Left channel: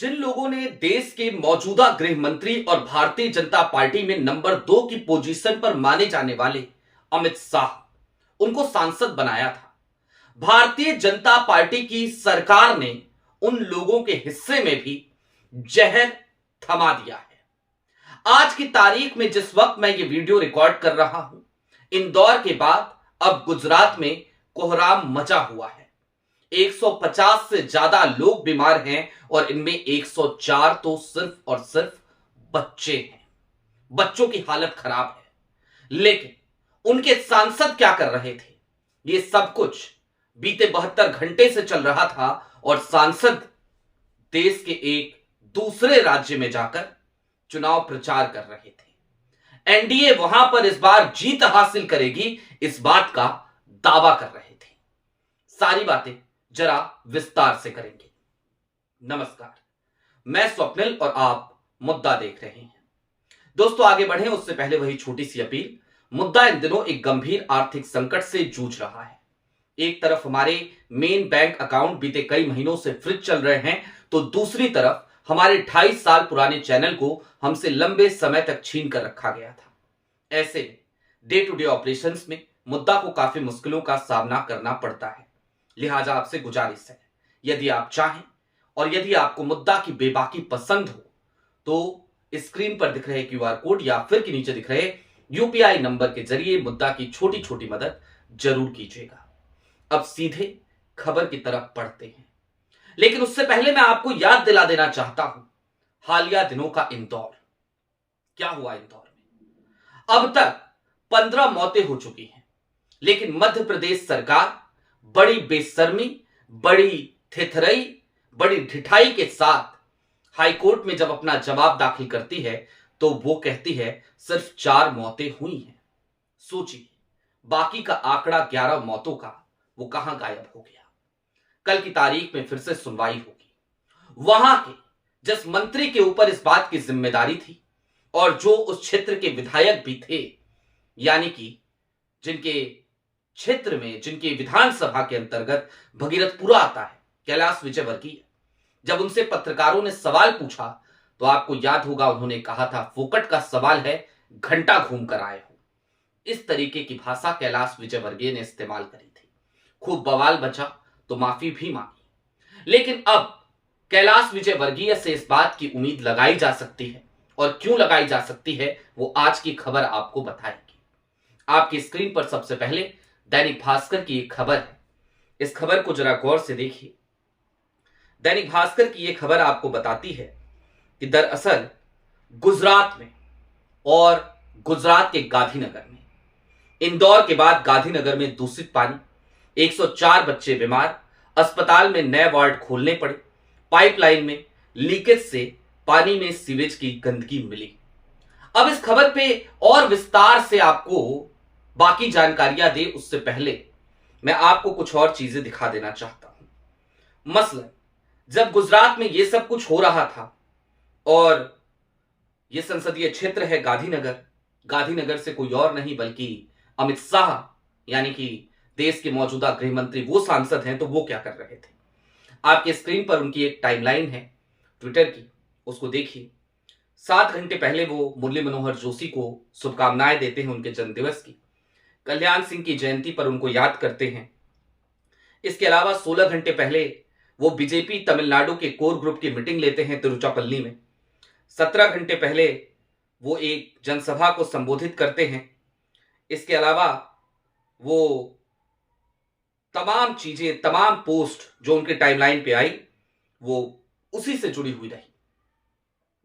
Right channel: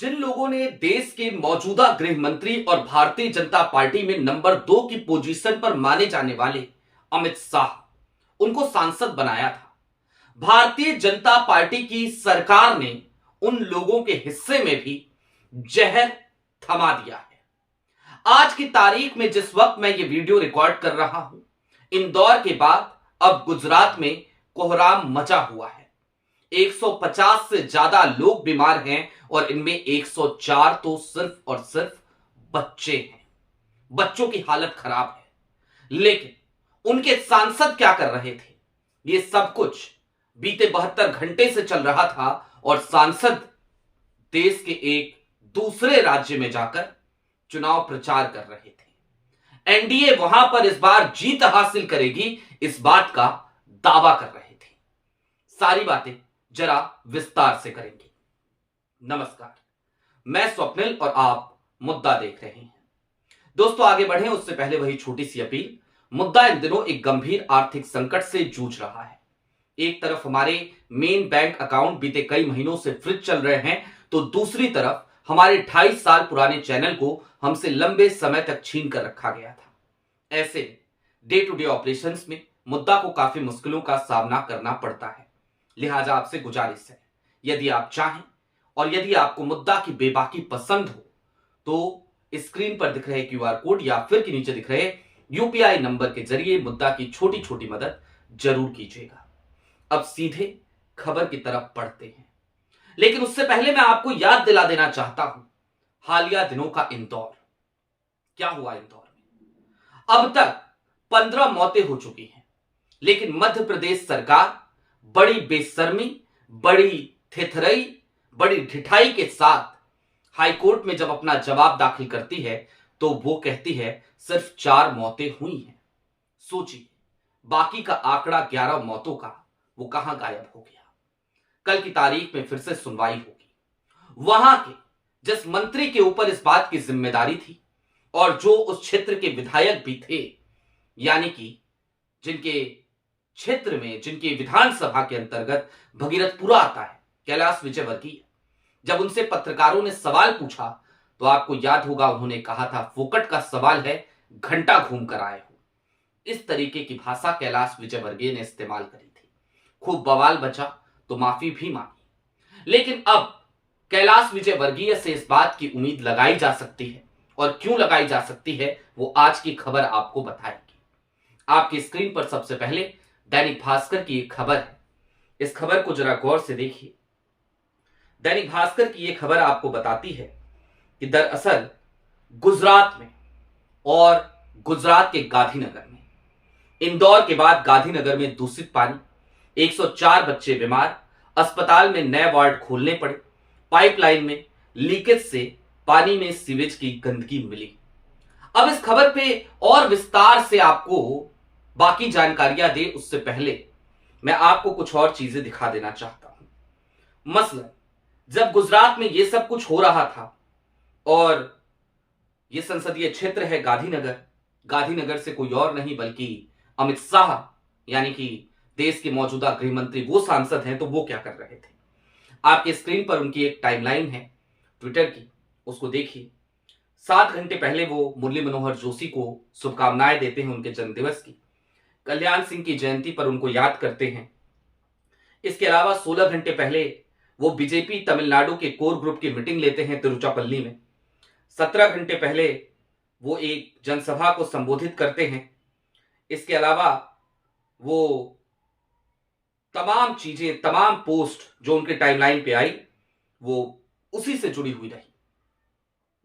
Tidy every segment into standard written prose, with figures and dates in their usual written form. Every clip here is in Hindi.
जिन लोगों ने देश के मौजूदा गृह मंत्री और भारतीय जनता पार्टी में नंबर 2 की पोजीशन पर माने जाने वाले अमित शाह उनको सांसद बनाया था, भारतीय जनता पार्टी की सरकार ने उन लोगों के हिस्से में भी जहर थमा दिया है। आज की तारीख में जिस वक्त मैं ये वीडियो रिकॉर्ड कर रहा हूं, इंदौर के बाद अब गुजरात में कोहराम मचा हुआ है। 150 से ज्यादा लोग बीमार हैं और इनमें 104 तो सिर्फ और सिर्फ बच्चे हैं। बच्चों की हालत खराब है, लेकिन उनके सांसद क्या कर रहे थे? ये सब कुछ बीते 72 घंटे से चल रहा था और सांसद देश के एक दूसरे राज्य में जाकर चुनाव प्रचार कर रहे थे। एनडीए वहां पर इस बार जीत हासिल करेगी, इस बात का दावा कर रहे थे। सारी बातें जरा विस्तार से करेंगे। नमस्कार, मैं स्वप्निल और आप मुद्दा देख रहे हैं। दोस्तों, आगे बढ़े उससे पहले वही छोटी सी अपील। मुद्दा इन दिनों एक गंभीर आर्थिक संकट से जूझ रहा है। एक तरफ हमारे मेन बैंक अकाउंट बीते कई महीनों से फ्रीज चल रहे हैं, तो दूसरी तरफ हमारे 2.5 साल पुराने चैनल को हमसे लंबे समय तक छीन कर रखा गया था। ऐसे डे टू डे ऑपरेशंस में मुद्दा को काफी मुश्किलों का सामना करना पड़ता है। लिहाजा आपसे गुजारिश है, यदि आप चाहें और यदि आपको मुद्दा की बेबाकी पसंद हो तो स्क्रीन पर दिख रहे क्यूआर कोड या फिर के नीचे दिख रहे यूपीआई नंबर के जरिए मुद्दा की छोटी छोटी मदद जरूर कीजिएगा। अब सीधे खबर की तरफ बढ़ते हैं, लेकिन उससे पहले मैं आपको याद दिला देना चाहता हूं हालिया दिनों का इंदौर। क्या हुआ इंदौर में? अब तक 15 मौतें हो चुकी हैं, लेकिन मध्य प्रदेश सरकार बड़ी बेशर्मी, बड़ी थेथरई, बड़ी ढिठाई के साथ हाईकोर्ट में जब अपना जवाब दाखिल करती है तो वो कहती है सिर्फ 4 मौतें हुई हैं। सोचिए, बाकी का आंकड़ा 11 मौतों का वो कहां गायब हो गया? कल की तारीख में फिर से सुनवाई होगी। वहां के जिस मंत्री के ऊपर इस बात की जिम्मेदारी थी और जो उस क्षेत्र के विधायक भी थे, यानी कि जिनके क्षेत्र में, जिनके विधानसभा के अंतर्गत भगीरथपुरा आता है, कैलाश विजयवर्गीय, जब उनसे पत्रकारों ने सवाल पूछा तो आपको याद होगा उन्होंने कहा था फोकट का सवाल है, घंटा घूम कर आए हो। इस तरीके की भाषा कैलाश विजयवर्गीय ने इस्तेमाल करी थी। खूब बवाल बचा तो माफी भी मांगी, लेकिन अब कैलाश विजयवर्गीय से इस बात की उम्मीद लगाई जा सकती है, और क्यों लगाई जा सकती है वो आज की खबर आपको बताएगी। आपकी स्क्रीन पर सबसे पहले दैनिक भास्कर की एक खबर है। इस खबर को जरा गौर से देखिए। दैनिक भास्कर की यह खबर आपको बताती है कि दरअसल गुजरात में और गुजरात के गांधीनगर में, इंदौर के बाद गांधीनगर में दूषित पानी, 104 बच्चे बीमार, अस्पताल में नए वार्ड खोलने पड़े, पाइपलाइन में लीकेज से पानी में सीवेज की गंदगी मिली। अब इस खबर पे और विस्तार से आपको बाकी जानकारियां दे उससे पहले मैं आपको कुछ और चीजें दिखा देना चाहता हूं। मसलन जब गुजरात में यह सब कुछ हो रहा था और यह संसदीय क्षेत्र है गांधीनगर, गांधीनगर से कोई और नहीं बल्कि अमित शाह, यानी कि देश के मौजूदा गृह मंत्री, वो सांसद हैं, तो वो क्या कर रहे थे? आपके स्क्रीन पर उनकी एक टाइमलाइन है ट्विटर की, उसको देखिए। 7 घंटे पहले वो मुरली मनोहर जोशी को शुभकामनाएं देते हैं उनके जन्मदिवस की, कल्याण सिंह की जयंती पर उनको याद करते हैं। इसके अलावा 16 घंटे पहले वो बीजेपी तमिलनाडु के कोर ग्रुप की मीटिंग लेते हैं तिरुचिरापल्ली में। 17 घंटे पहले वो एक जनसभा को संबोधित करते हैं। इसके अलावा वो तमाम चीजें, तमाम पोस्ट जो उनके टाइमलाइन पे आई, वो उसी से जुड़ी हुई रही।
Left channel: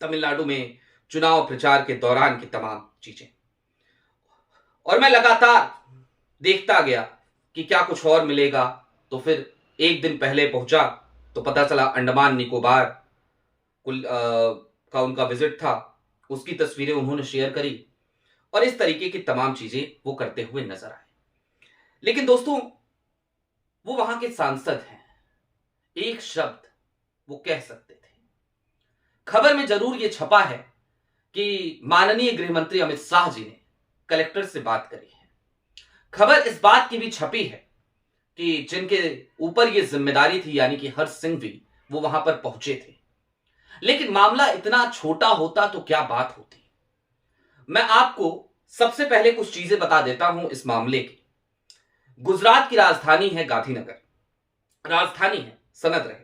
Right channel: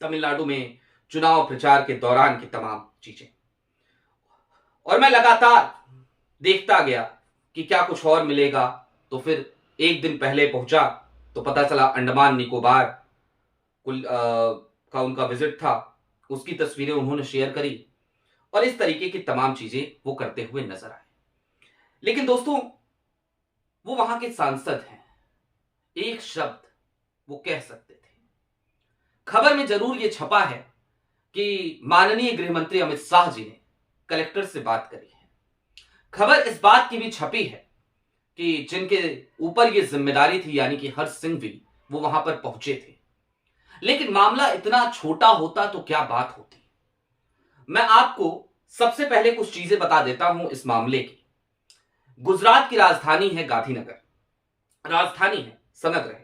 तमिलनाडु में चुनाव प्रचार के दौरान की तमाम चीजें, और मैं लगातार देखता गया कि क्या कुछ और मिलेगा। तो फिर एक दिन पहले पहुंचा तो पता चला अंडमान निकोबार का उनका विजिट था, उसकी तस्वीरें उन्होंने शेयर करी, और इस तरीके की तमाम चीजें वो करते हुए नजर आए। लेकिन दोस्तों, वो वहां के सांसद हैं, एक शब्द वो कह सकते थे। खबर में जरूर ये छपा है कि माननीय गृह मंत्री अमित शाह जी ने कलेक्टर से बात करी है। खबर इस बात की भी छपी है कि जिनके ऊपर ये जिम्मेदारी थी, यानी कि हर्ष सिंह भी, वो वहां पर पहुंचे थे। लेकिन मामला इतना छोटा होता तो क्या बात होती। मैं आपको सबसे पहले कुछ चीजें बता देता हूं इस मामले की। गुजरात की राजधानी है गांधीनगर, राजधानी है सनद रहे,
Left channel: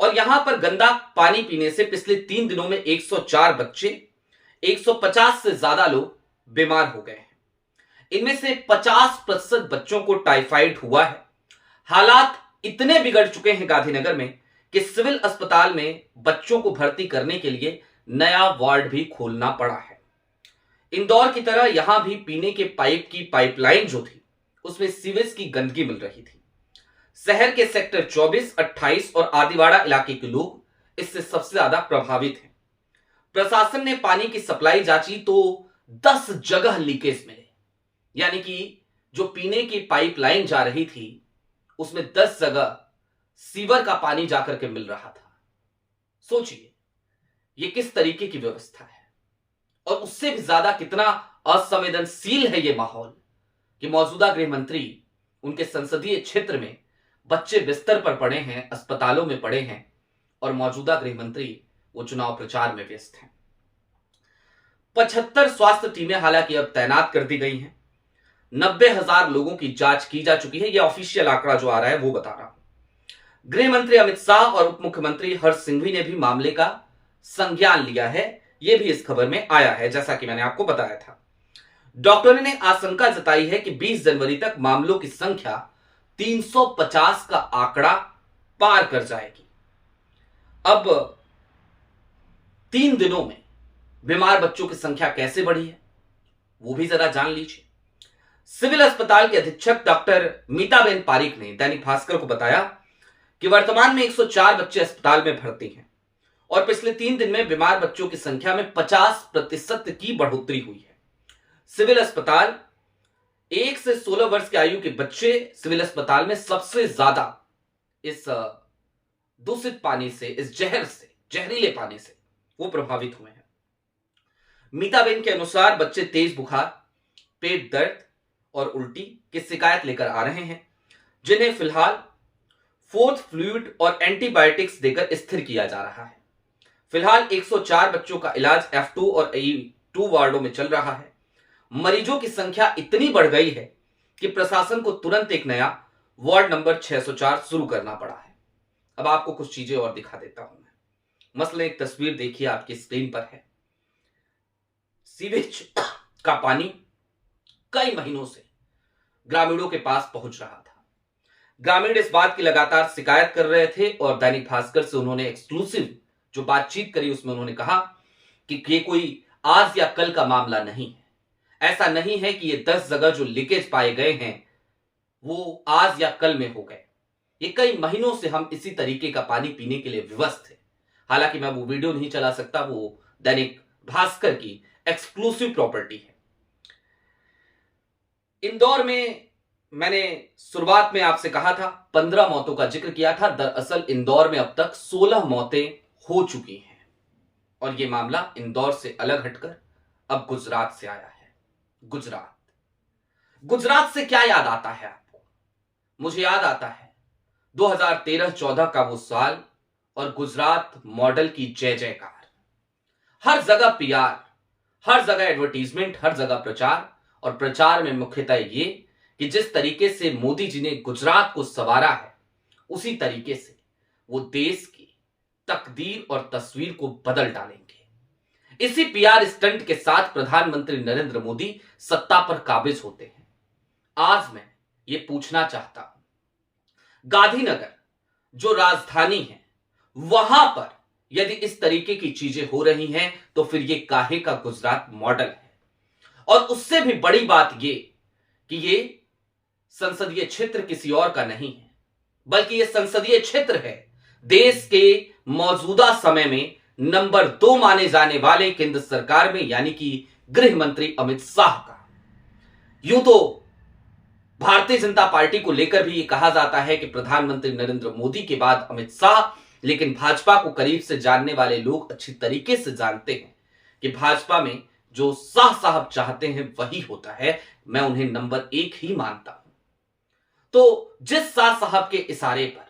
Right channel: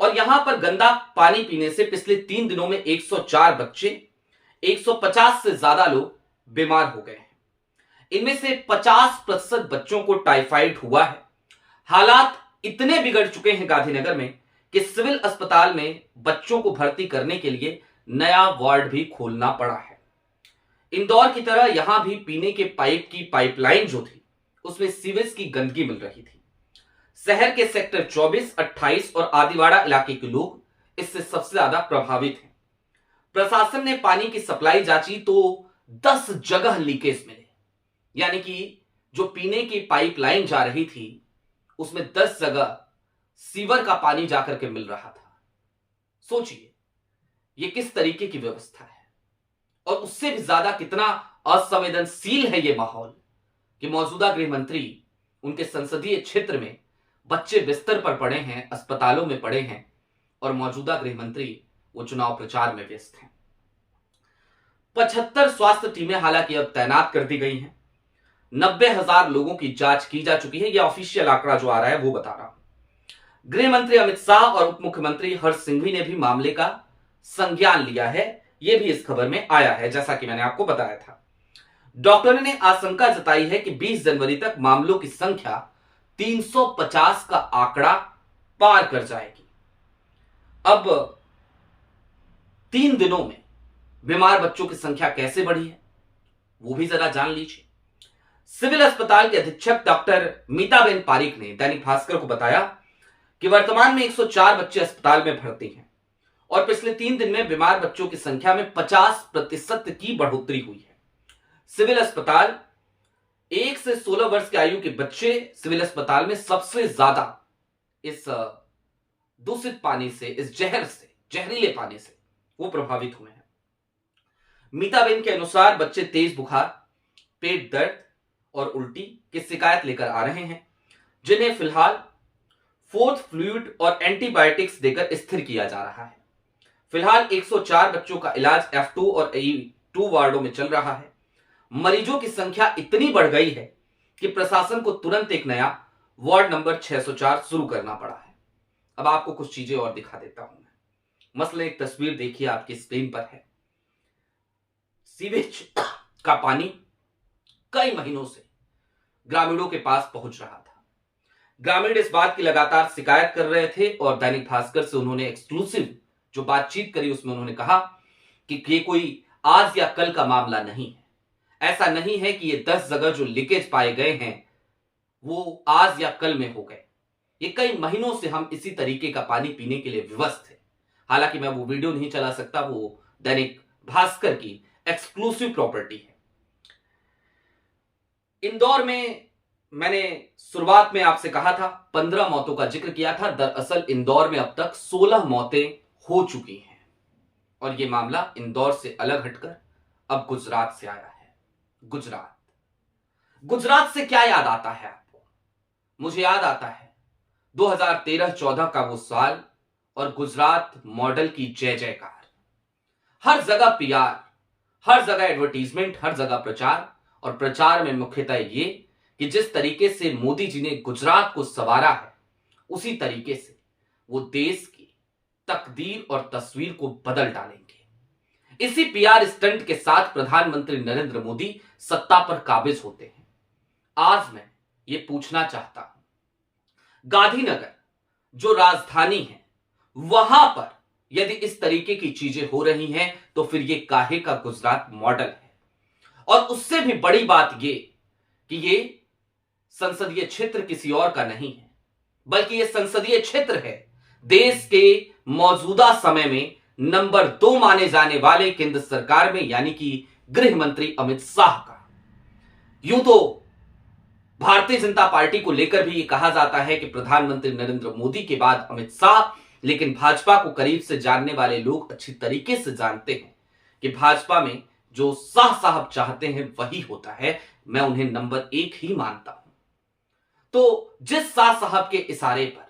और यहां पर गंदा पानी पीने से पिछले 3 दिनों में 104 बच्चे, 150 से ज्यादा लोग बीमार हो गए हैं। इनमें से 50% बच्चों को टाइफाइड हुआ है। हालात इतने बिगड़ चुके हैं गांधीनगर में कि सिविल अस्पताल में बच्चों को भर्ती करने के लिए नया वार्ड भी खोलना पड़ा है। इंदौर की तरह यहां भी पीने के पाइप की पाइपलाइन जो थी उसमें सीवेज की गंदगी मिल रही थी। शहर के सेक्टर 24, 28 और आदिवाड़ा इलाके के लोग इससे सबसे ज्यादा प्रभावित हैं। प्रशासन ने पानी की सप्लाई जांची तो 10 जगह लीकेज मिले, यानी कि जो पीने की पाइपलाइन जा रही थी उसमें 10 जगह सीवर का पानी जाकर के मिल रहा था। सोचिए ये किस तरीके की व्यवस्था है, और उससे भी ज्यादा कितना असंवेदनशील है ये माहौल कि मौजूदा गृह मंत्री उनके संसदीय क्षेत्र में बच्चे बिस्तर पर पड़े हैं, अस्पतालों में पड़े हैं, और मौजूदा गृह मंत्री वो चुनाव प्रचार में व्यस्त हैं। 75 स्वास्थ्य टीमें हालांकि अब तैनात कर दी गई हैं। 90,000 लोगों की जांच की जा चुकी है। यह ऑफिशियल आंकड़ा जो आ रहा है वो बता रहा हूं। गृह मंत्री अमित शाह और उप मुख्यमंत्री हर्ष सिंघवी ने भी मामले का संज्ञान लिया है। यह भी इस खबर में आया है, जैसा कि मैंने आपको बताया था। डॉक्टरों ने आशंका जताई है कि 20 जनवरी तक मामलों की संख्या 350 का आंकड़ा पार कर जाएगी। अब 3 दिनों में बीमार बच्चों की संख्या कैसे बढ़ी है वो भी जरा जान लीजिए। सिविल अस्पताल के अधीक्षक डॉक्टर मीताबेन पारीक ने दैनिक भास्कर को बताया कि वर्तमान में 104 बच्चे अस्पताल में भर्ती हैं और पिछले 3 दिन में बीमार बच्चों की संख्या में 50% की बढ़ोतरी हुई है। सिविल अस्पताल 1 से 16 वर्ष की आयु के बच्चे सिविल अस्पताल में सबसे ज्यादा इस दूषित पानी से, इस जहर से, जहरीले पानी से वो प्रभावित हुए हैं। मीताबेन के अनुसार बच्चे तेज बुखार, पेट दर्द और उल्टी की शिकायत लेकर आ रहे हैं, जिन्हें फिलहाल फोर्थ फ्लूइड और एंटीबायोटिक्स देकर स्थिर किया जा रहा है। फिलहाल 104 बच्चों का इलाज F2 और E2 वार्डों में चल रहा है। मरीजों की संख्या इतनी बढ़ गई है कि प्रशासन को तुरंत एक नया वार्ड नंबर 604 शुरू करना पड़ा है। अब आपको कुछ चीजें और दिखा देता हूं मैं। मसलन एक तस्वीर देखिए, आपकी स्क्रीन पर है। सीवेज का पानी कई महीनों से ग्रामीणों के पास पहुंच रहा था। ग्रामीण इस बात की लगातार शिकायत कर रहे थे और दैनिक भास्कर से उन्होंने एक्सक्लूसिव जो बातचीत करी उसमें उन्होंने कहा कि ये कोई आज या कल का मामला नहीं है। ऐसा नहीं है कि ये 10 जगह जो लीकेज पाए गए हैं वो आज या कल में हो गए। ये कई महीनों से हम इसी तरीके का पानी पीने के लिए विवश थे। हालांकि मैं वो वीडियो नहीं चला सकता, वो दैनिक भास्कर की एक्सक्लूसिव प्रॉपर्टी है। इंदौर में मैंने शुरुआत में आपसे कहा था 15 मौतों का जिक्र किया था। दरअसल इंदौर में अब तक 16 मौतें हो चुकी हैं और यह मामला इंदौर से अलग हटकर अब गुजरात से आया है। गुजरात से क्या याद आता है आपको? मुझे याद आता है 2013-14 का वो साल और गुजरात मॉडल की जय जयकार। हर जगह PR, हर जगह एडवर्टीजमेंट, हर जगह प्रचार, और प्रचार में मुख्यतः ये कि जिस तरीके से मोदी जी ने गुजरात को संवारा है उसी तरीके से वो देश की तकदीर और तस्वीर को बदल डालेंगे। इसी PR स्टंट के साथ प्रधानमंत्री नरेंद्र मोदी सत्ता पर काबिज होते हैं। आज मैं ये पूछना चाहता हूं, गांधीनगर जो राजधानी है वहां पर यदि इस तरीके की चीजें हो रही हैं तो फिर ये काहे का गुजरात मॉडल है? और उससे भी बड़ी बात ये कि ये संसदीय क्षेत्र किसी और का नहीं है, बल्कि ये संसदीय क्षेत्र है देश के मौजूदा समय में नंबर 2 माने जाने वाले केंद्र सरकार में, यानी कि गृह मंत्री अमित शाह का। यूं तो भारतीय जनता पार्टी को लेकर भी ये कहा जाता है कि प्रधानमंत्री नरेंद्र मोदी के बाद अमित शाह, लेकिन भाजपा को करीब से जानने वाले लोग अच्छी तरीके से जानते हैं कि भाजपा में जो शाह साहब चाहते हैं वही होता है। मैं उन्हें नंबर 1 ही मानता हूं। तो जिस शाह साहब के इशारे पर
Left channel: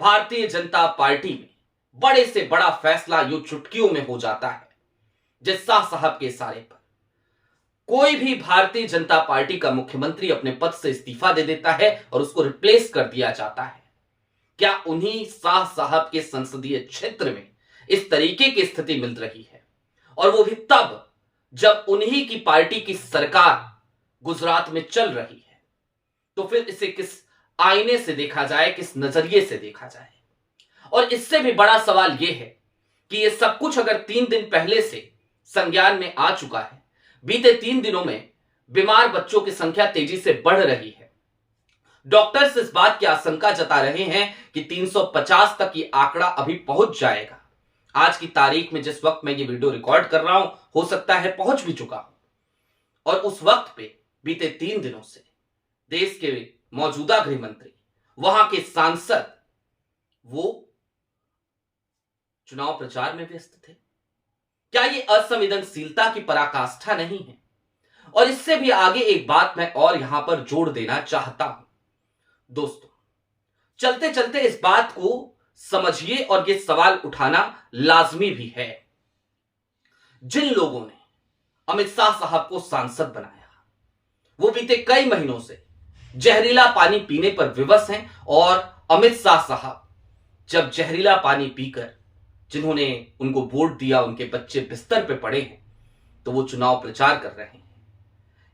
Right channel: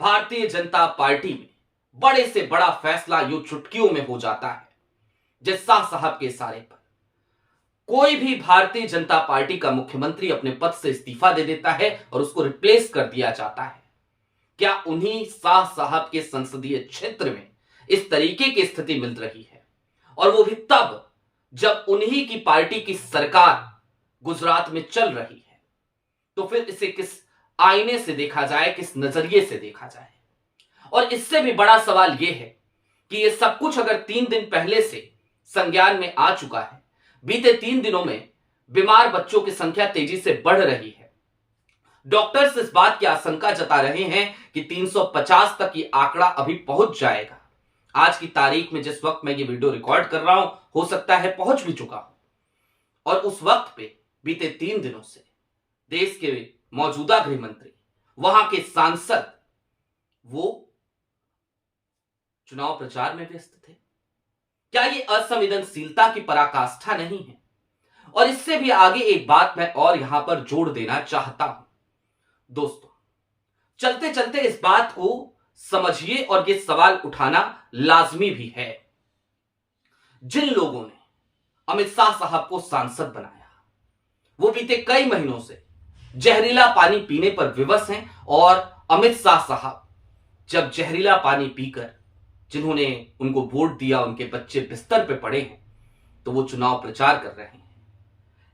भारतीय जनता पार्टी में बड़े से बड़ा फैसला यूं चुटकियों में हो जाता है। जिस शाह साहब के इशारे पर कोई भी भारतीय जनता पार्टी का मुख्यमंत्री अपने पद से इस्तीफा दे देता है और उसको रिप्लेस कर दिया जाता है। क्या उन्हीं शाह साहब के संसदीय क्षेत्र में इस तरीके की स्थिति मिल रही है, और वो भी तब जब उन्हीं की पार्टी की सरकार गुजरात में चल रही है? तो फिर इसे किस आईने से देखा जाए, किस नजरिए से देखा जाए? और इससे भी बड़ा सवाल यह है कि यह सब कुछ अगर 3 दिन पहले से संज्ञान में आ चुका है, बीते 3 दिनों में बीमार बच्चों की संख्या तेजी से बढ़ रही है, डॉक्टर्स इस बात की आशंका जता रहे हैं कि 350 तक ये आंकड़ा अभी पहुंच जाएगा। आज की तारीख में जिस वक्त मैं ये वीडियो रिकॉर्ड कर रहा हूं, हो सकता है पहुंच भी चुका हूं। और उस वक्त पे बीते 3 दिनों से देश के मौजूदा गृह मंत्री, वहां के सांसद, वो चुनाव प्रचार में व्यस्त थे। क्या ये असंवेदनशीलता की पराकाष्ठा नहीं है? और इससे भी आगे एक बात मैं और यहां पर जोड़ देना चाहता हूं। दोस्तों, चलते चलते इस बात को समझिए और ये सवाल उठाना लाजमी भी है। जिन लोगों ने अमित शाह साहब को सांसद बनाया, वो बीते कई महीनों से जहरीला पानी पीने पर विवश हैं, और अमित शाह साहब जब जहरीला पानी पीकर, जिन्होंने उनको वोट दिया, उनके बच्चे बिस्तर पे पड़े हैं, तो वो चुनाव प्रचार कर रहे हैं।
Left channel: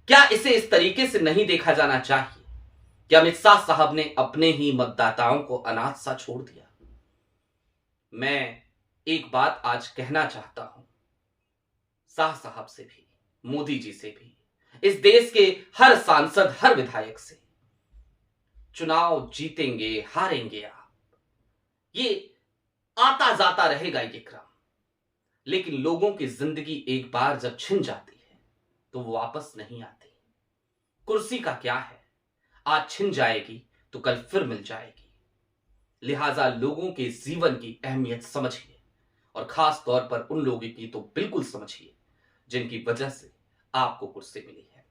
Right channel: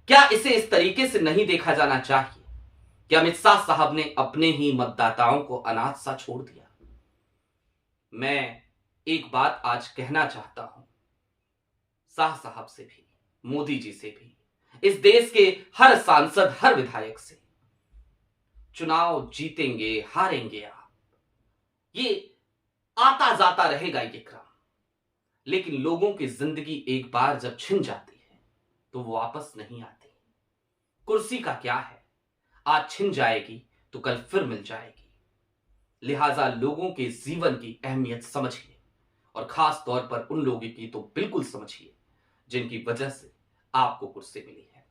क्या इसे इस तरीके से नहीं देखा जाना चाहिए कि अमित शाह साहब ने अपने ही मतदाताओं को अनाथ सा छोड़ दिया? मैं एक बात आज कहना चाहता हूं, शाह साहब से भी, मोदी जी से भी, इस देश के हर सांसद, हर विधायक से, चुनाव जीतेंगे हारेंगे आप, ये आता जाता रहेगा ये क्रम, लेकिन लोगों की जिंदगी एक बार जब छिन जाती है तो वो वापस नहीं आती। कुर्सी का क्या है, आज छिन जाएगी तो कल फिर मिल जाएगी। लिहाजा लोगों के जीवन की अहमियत समझिए, और खास तौर पर उन लोगों की तो बिल्कुल समझिए जिनकी वजह से आपको कुर्सी मिली है।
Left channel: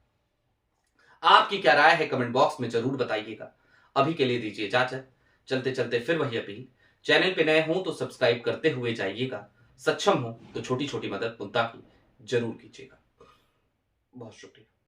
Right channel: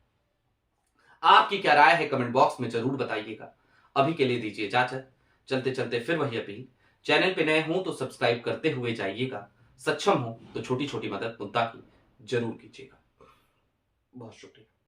आपकी क्या राय है, कमेंट बॉक्स में जरूर बताइएगा। अभी के लिए दीजिए इजाजत। चलते चलते फिर वही अपील, चैनल पे नए हों तो सब्सक्राइब करते हुए जाइएगा, सक्षम हो तो छोटी छोटी मदद मुद्दा की जरूर कीजिएगा। बहुत शुक्रिया।